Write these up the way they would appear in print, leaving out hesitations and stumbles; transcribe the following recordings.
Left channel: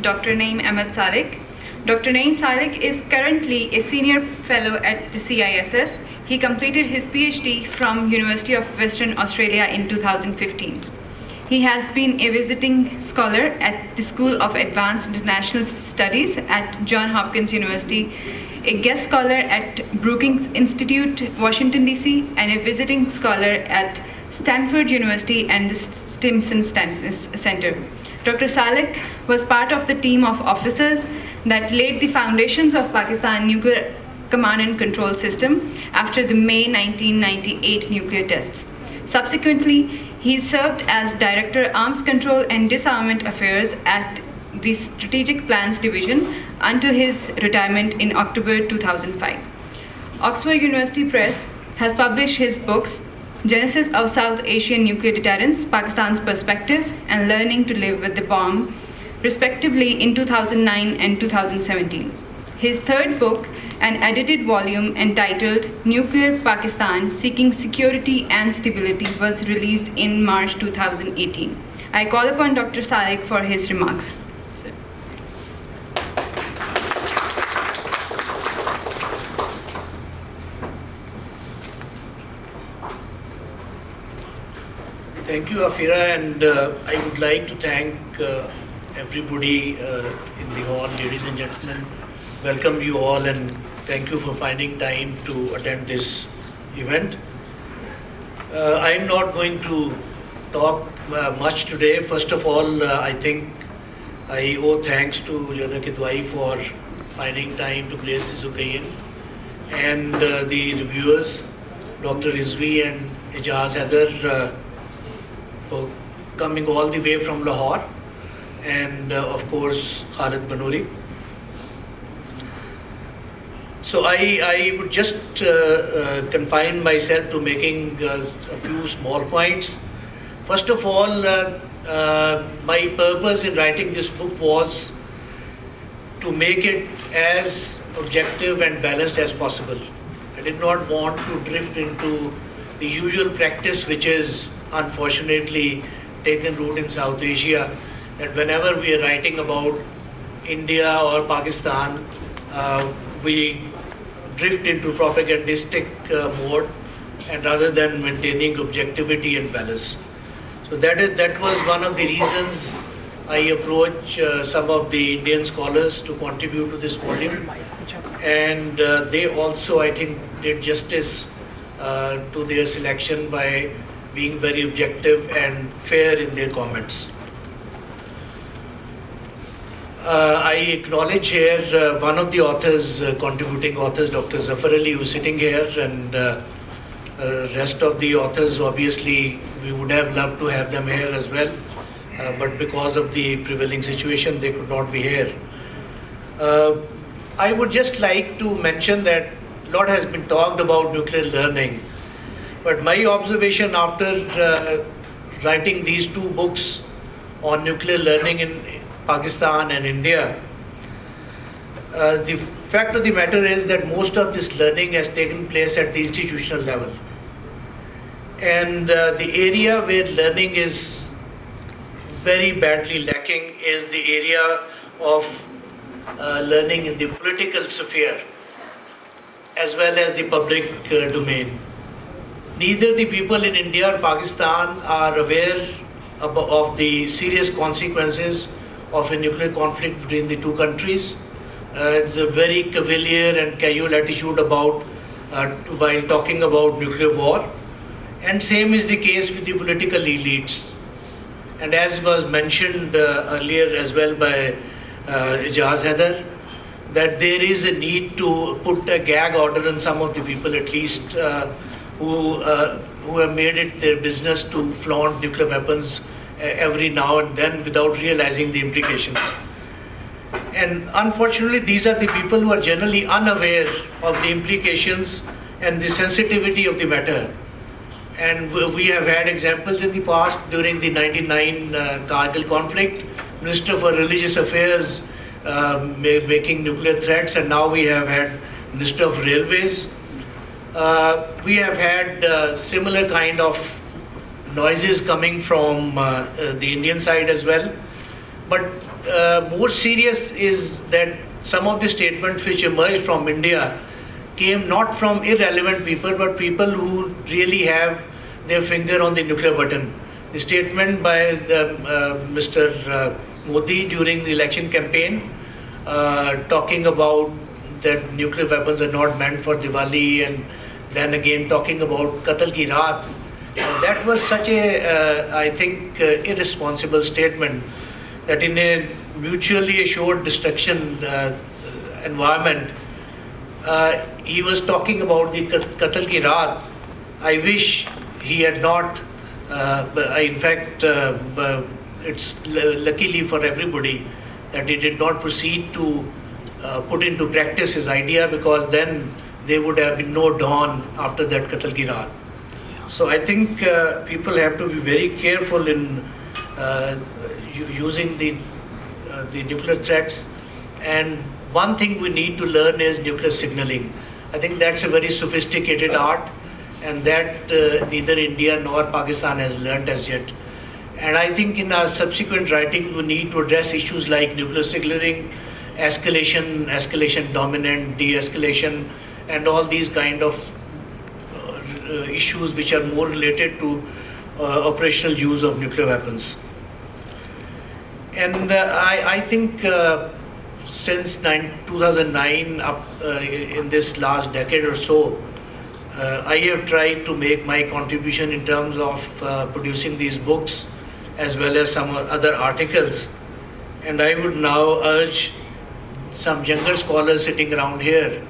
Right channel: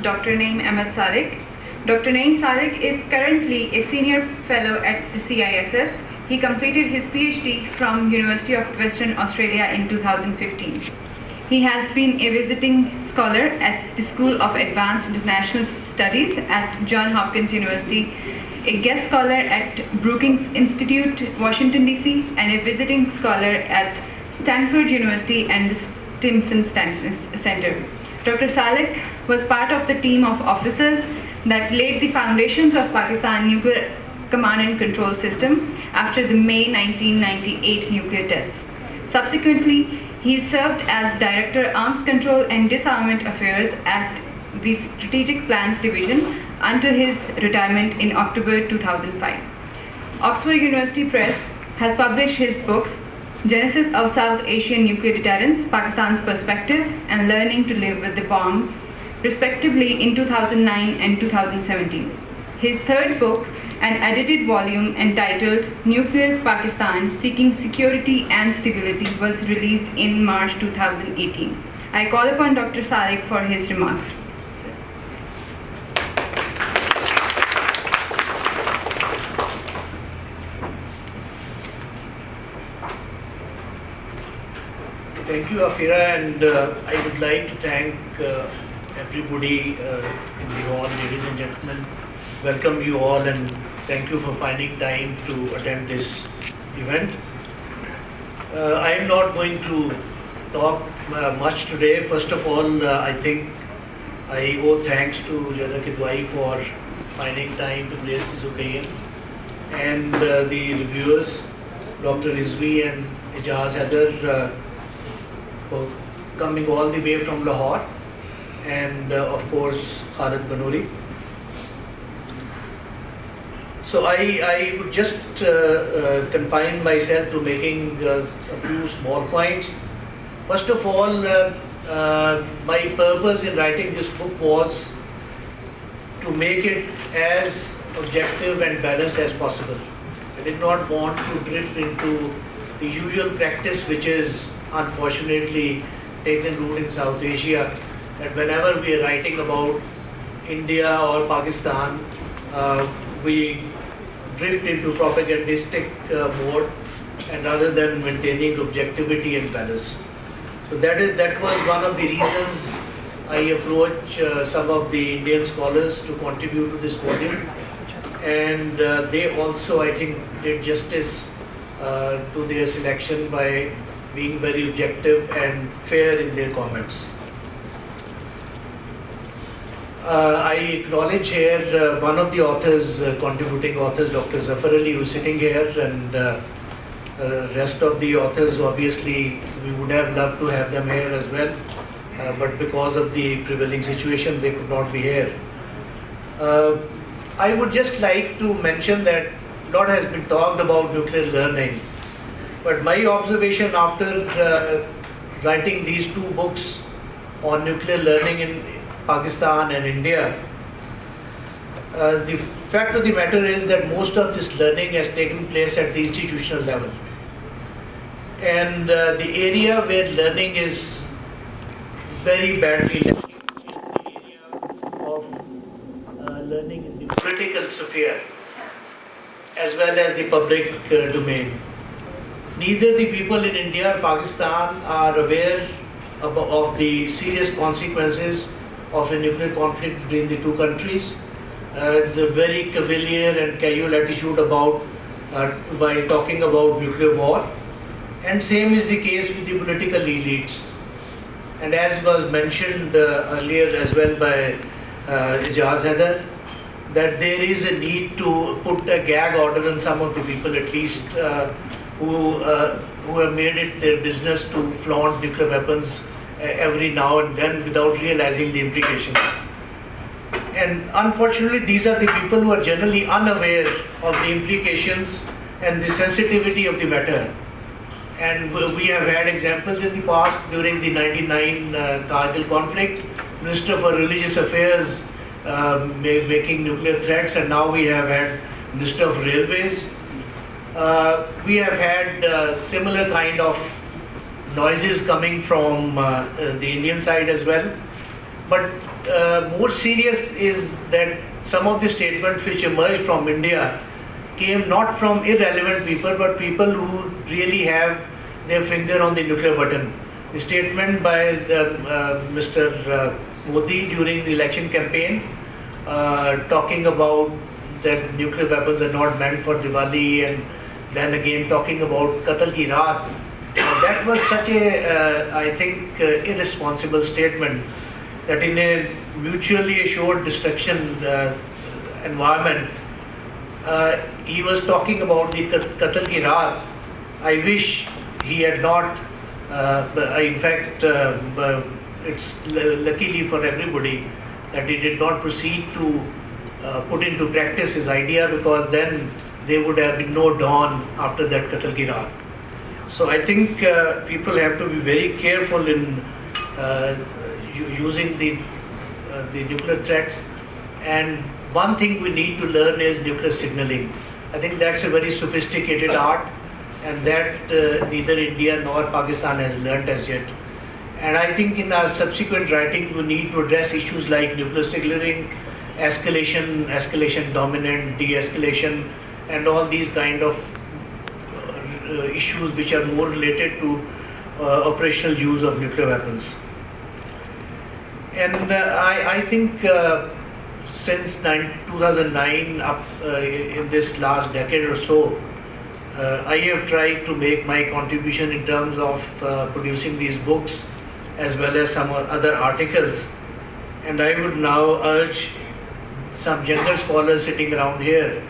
Dr. Naeem Salik. Dr. Naeem Salik is currently a senior fellow at the CISS. He completed his PhD from University of Western Australia in 2015. He has been a visiting scholar at the School of Advanced International Studies at Johns Hopkins University, a guest scholar at Brookings Institute, Washington, D.C., and a visiting scholar at Stanford University and the Stimson Center. Dr. Salik was part of the team of officers that laid the foundations of Pakistan nuclear command and control system after the May 1998 nuclear tests. Subsequently, he served as Director Arms Control and Disarmament Affairs at the Strategic Plans Division until his retirement in October 2005. Oxford University Press has published his books Genesis of South Asian Nuclear Deterrence, Pakistan's Perspective, and Learning to Live with the Bomb, respectively in 2009 and 2017. His third book, an edited volume entitled Nuclear Pakistan, Seeking Security and Stability, was released in March 2018. I call upon Dr. Salik for his remarks. Thank you, Afira, and I would like to thank everybody in the hall, ladies and gentlemen. Welcome you all, and thank you for finding time to attend this event. I am not going to talk much today. First of all, I think I owe thanks to Jana Kidwai for finding time to grace this occasion, and the reviewers, Dr. Rizvi and Ijaz Heather, for coming all the way from Lahore, and of course Khalid Banuri. So I would just confine myself to making a few small points. First of all, my purpose in writing this book was to make it as objective and balanced as possible. I did not want to drift into the usual practice, which is unfortunately taken root in South Asia, that whenever we are writing about India or Pakistan, we drift into propagandistic mode, and rather than maintaining objectivity and balance. So that was one of the reasons I approached some of the Indian scholars to contribute to this volume, and they also, I think, did justice to their selection by being very objective and fair in their comments. I acknowledge here one of the authors, contributing authors, Dr. Zafar Ali, who is sitting here, and rest of the authors, obviously, we would have loved to have them here as well, but because of the prevailing situation, they could not be here. I would just like to mention that a lot has been talked about nuclear learning, but my observation after writing these two books on nuclear learning in Pakistan and India, the fact of the matter is that most of this learning has taken place at the institutional level. And the area where learning is very badly lacking is the area of learning in the political sphere as well as the public domain. Neither the people in India or Pakistan are aware of the serious consequences of a nuclear conflict between the two countries. It's a very cavalier and casual attitude about while talking about nuclear war, and same is the case with the political elites. And as was mentioned earlier as well by Ijaz Heather, that there is a need to put a gag order on some of the people, at least who have made it their business to flaunt nuclear weapons every now and then without realizing the implications. And unfortunately, these are the people who are generally unaware of the implications and the sensitivity of the matter. And we have had examples in the past during the 99 Kargil conflict, Minister for Religious Affairs making nuclear threats, and now we have had Minister of Railways. We have had similar kind of noises coming from the Indian side as well. But more serious is that some of the statements which emerged from India came not from irrelevant people, but people who really have their finger on the nuclear button. The statement by Mr. Modi during the election campaign, talking about that nuclear weapons are not meant for Diwali, and then again talking about Qatal ki Raat. That was such a, I think, irresponsible statement, that in a mutually assured destruction environment, he was talking about the Qatal ki Raat. I wish he had not, in fact, it's luckily for everybody that he did not proceed to put into practice his idea, because then there would have been no dawn after that Qatal ki Raat. So I think people have to be very careful in using the nuclear threats. And one thing we need to learn is nuclear signaling. I think that's a very sophisticated art, and that neither India nor Pakistan has learned as yet. And I think in our subsequent writing, we need to address issues like nuclear signaling, escalation dominant, de-escalation, and all these kind of issues which are more related to operational use of nuclear weapons. And I think since 2009, up in this last decade or so, I have tried to make my contribution in terms of producing these books as well as some other articles. And I would now urge some younger scholars sitting around here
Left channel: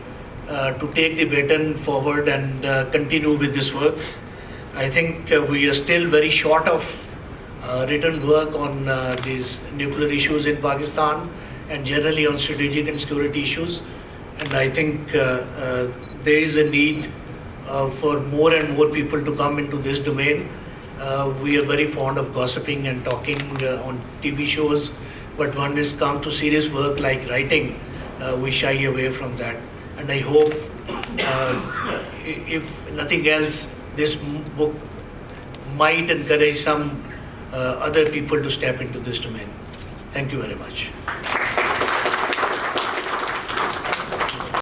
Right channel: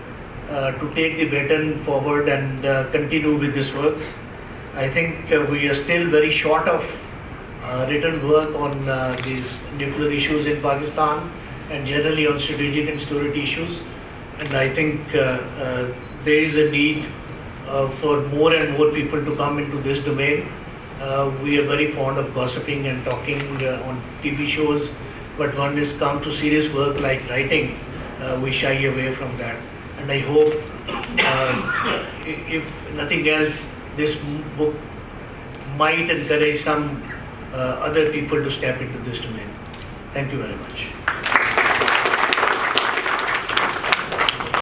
to take the baton forward and continue with this work. I think we are still very short of written work on these nuclear issues in Pakistan, and generally on strategic and security issues. And I think there is a need for more and more people to come into this domain. We are very fond of gossiping and talking on TV shows, but when it's come to serious work like writing, we shy away from that. And I hope, if nothing else, this book might encourage some other people to step into this domain. Thank you very much.